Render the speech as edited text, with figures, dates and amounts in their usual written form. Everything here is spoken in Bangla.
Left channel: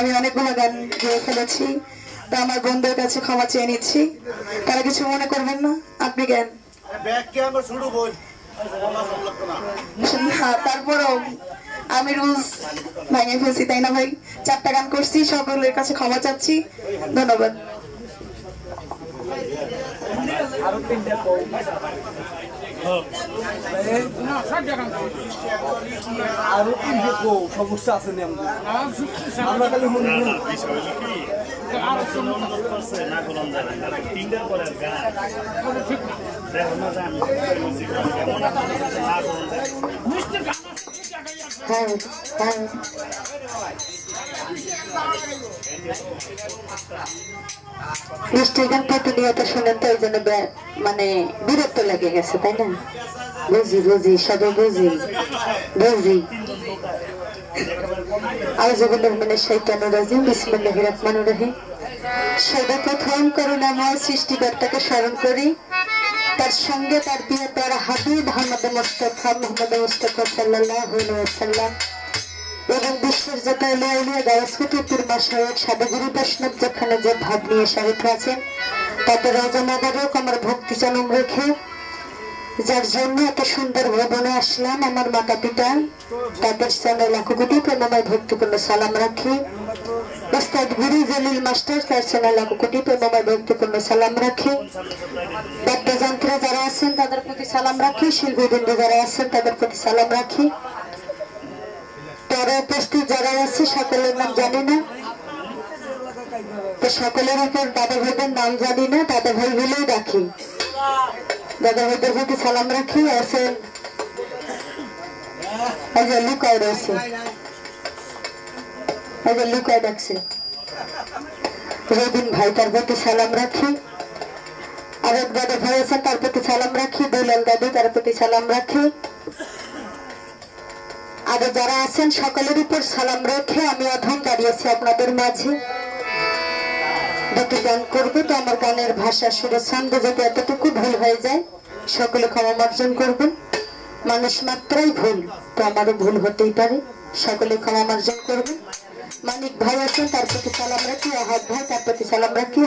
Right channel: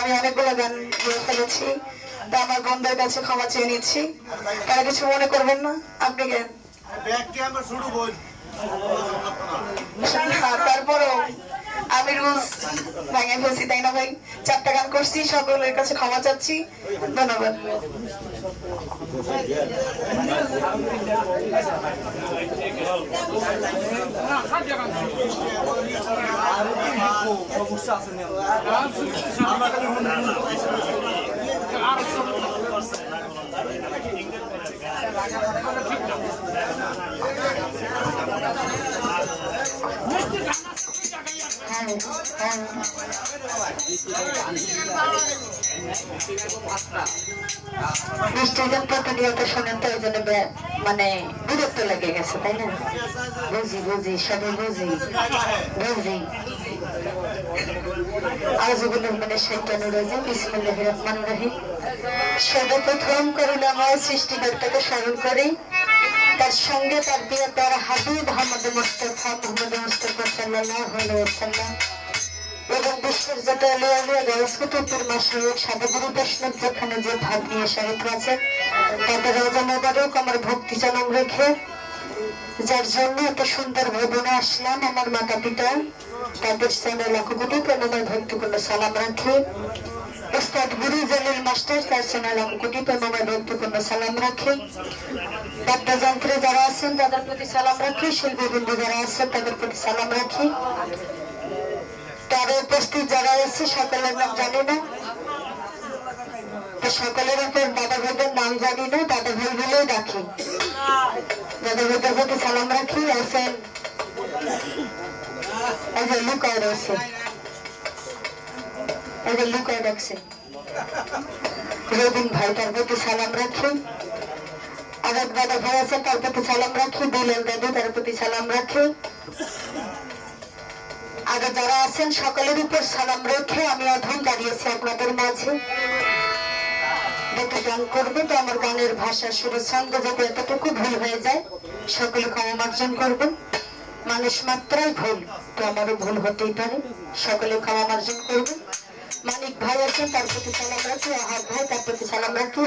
আমি অনেকগুলো গান গেয়ে ফেলেছি, তা আমার বন্ধুদের কাছে ক্ষমা চেয়ে নিচ্ছি। তারা কিছু মনে করবেন না, আপনি গান। তারপরেও আমি রুলস ভেঙে ফেলছি, তাই না ভাই? 4টা গান করছি, সকলের কাছে ক্ষমা চাচ্ছি। ধন্যবাদ। সমস্যা আছে মিষ্টির গান প্রতিনিয়ত শোনেন তো, ওই জন্য মানে বিরক্ত লেগে গেছে, তাই না? বুঝি সবাই বুঝি। আউযুবিল্লাহি মিনাশ শাইতানির রাজিম, বিসমিল্লাহির রহমানির রহিম। সর্বপ্রথম করুণাময় সৃষ্টিকর্তাকে স্মরণ করি, তার সঙ্গে তার প্রিয় প্যারা হাবিব মুহাম্মদ মুস্তাফা সাল্লাল্লাহু আলাইহি ওয়াসাল্লাম এবং বিশ্বের যত আলিয়া গায়সকুতুর মাশায়েখ সাধুগুরু বৈষ্ণব যেখানে যে ভাব নিয়ে সাহিত্য আছেন, তাদের রাজা মোবারক আমার ভক্তি চালম রেখে, যার জন্য এত সুন্দর ভবনে আসলাম, আমার মাতা পিতা, তাদের চ্যানেল লাখো কোটি প্রেমময় ভক্তিপূর্ণ সালাম রাখি। উস্তাদ গুরু জলিল মাস্টার, তার চ্যানেল লাখো কোটি প্রেমময় ভক্তিপূর্ণ সালাম রাখি। বাদ্যযন্ত্রে যারা আছেন তাদের প্রতি সালাম রাখি, শিল্পীবৃন্দ যারা আছেন তাদের প্রতি সালাম রাখি। তারা উপস্থিত যারা আছে সকলের নাম জানি না, তো সকলের উপর দাদা ভাইদের নাম জানি না, দাদা ভাই বলেই রাখি। দাদা ভাইদের প্রতি সালাম রাখি। আছেন লুকায় রয়েছে, লুকায় রাখছে রবিন ভাই, তার প্রতি সালাম রাখি। আরেক দাদা ভাই আছে, তার প্রতি সালাম রাখি। দুলাল দাদু, তার প্রতি সালাম রাখি। আরো যারা আছেন সকলের উপর সালাম রেখে আমি অধম দাঁড়িয়েছি আপনাদের মাঝে। দুটো গান করবে, তো আমার গানের ভাষা সুরে ছন্দে যাতে এতটুকু ভুল হয়ে যায় সকলে ক্ষমা মার্জন করবেন। মানুষ মাত্রাই ভুল, তো আমারও ভুল হতেই পারে, সকলে ক্ষমা মার্জন করবেন। মানিক ভাই আছেন, তার প্রতি সালাম রাখি। আহাদ ভাই, তার প্রতি সালাম রাখি।